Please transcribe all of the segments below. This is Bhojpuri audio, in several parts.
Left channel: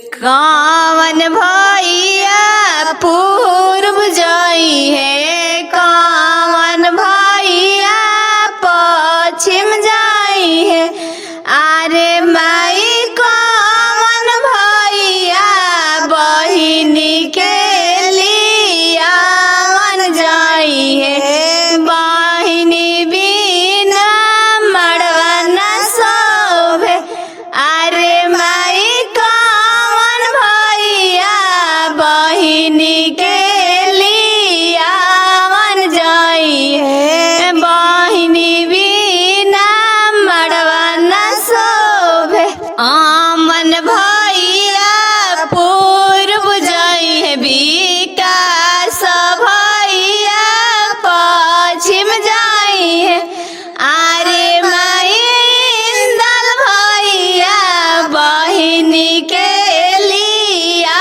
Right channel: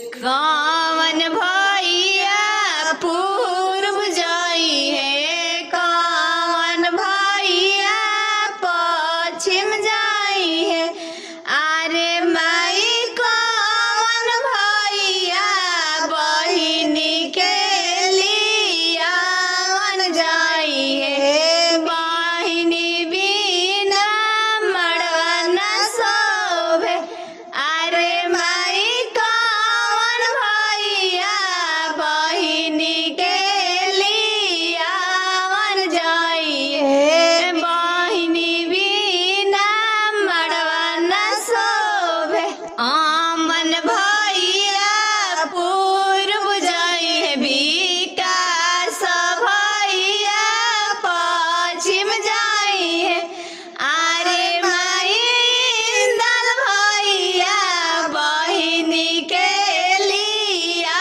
कौन भैया पूर्व जाई है, कौन भैया पश्चिम जाई है। अरे माई कौन भैया बहिनी के लिया मन जाई है। बहिनी बिना मड़वा न शोभे। अरे माई कौन भैया बहिनी के लिया मन जाई है। बहिनी बिना मड़वा न शोभे। आमन भैया पूर्व जाई है, विकास भैया पश्चिम जाई है। अरे माई इंदल भैया बहिनी के लिया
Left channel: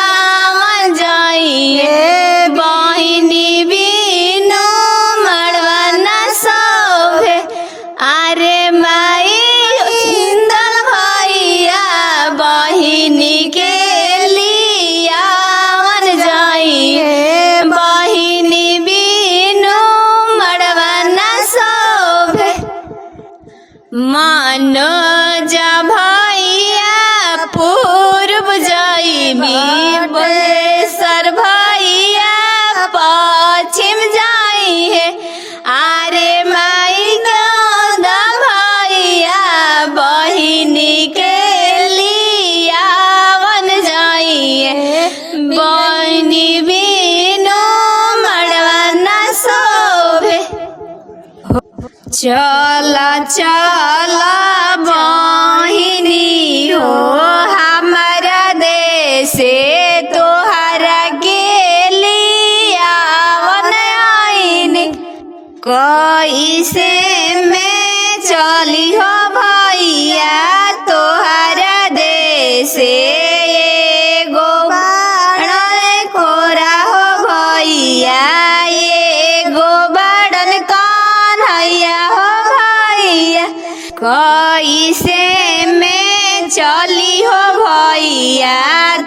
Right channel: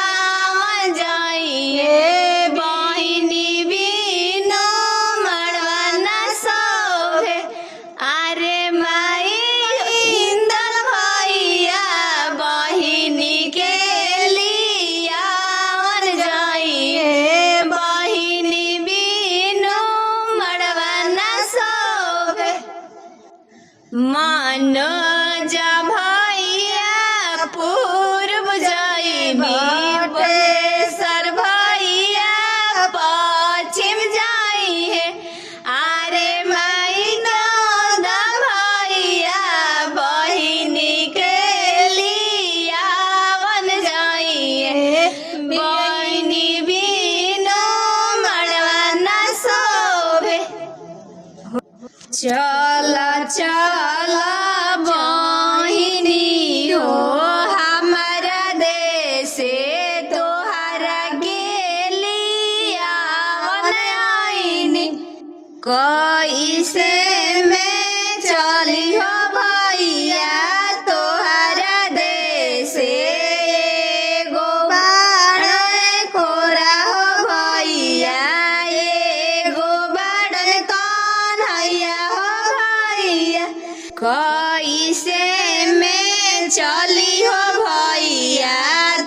मन जाई है। बहिनी बिनु मड़वा न शोभे। अरे माई इंदल भैया बहिनी के लिया मन जाई है। बहिनी बिनु मड़वा न शोभे। मनोज भैया पूर्व जाई, विवेशर भैया पश्चिम जाई है। अरे माई गौतम भैया बहिनी के लिया मन जाई है। बहिनी बिनु मड़वा न शोभे। चला चला बहिनी हो हमारा देश तोहरा गेलिया वन आईनी। कैसे में चली हो भैया तोहरा देश। एगो बाड़न कोरा हो भैया, एगो बाड़न कन्हैया हो भैया। कैसे में चली हो भैया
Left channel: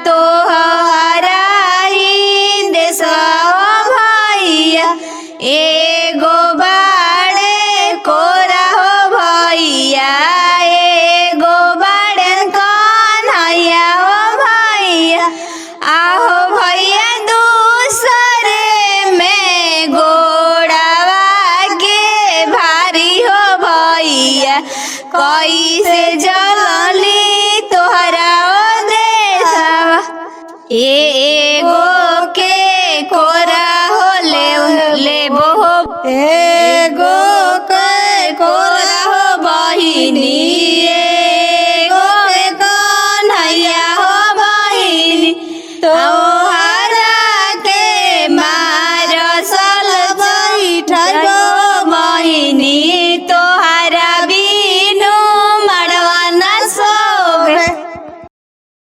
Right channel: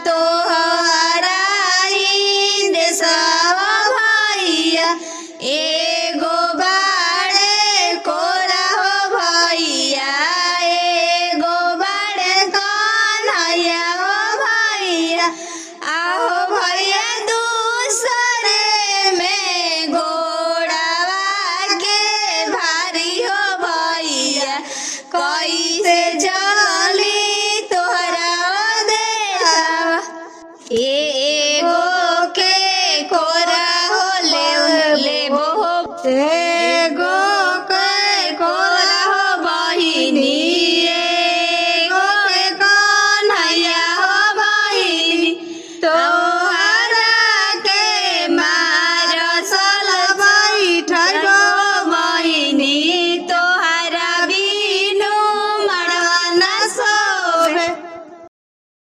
तोहरा ही देश हो भैया। एगो बाड़े कोरा हो भैया, एगो बाड़े कन्हैया हो भैया। आहो भैया दूसरे में घोड़ावा के भारी हो भैया। कैसे जली तोहरा ओ देशवा। एगो के कोरा हो लेबो हो, एगो के कोरा हो बहिनी, एगो के कन्हैया हो बहिनी। तो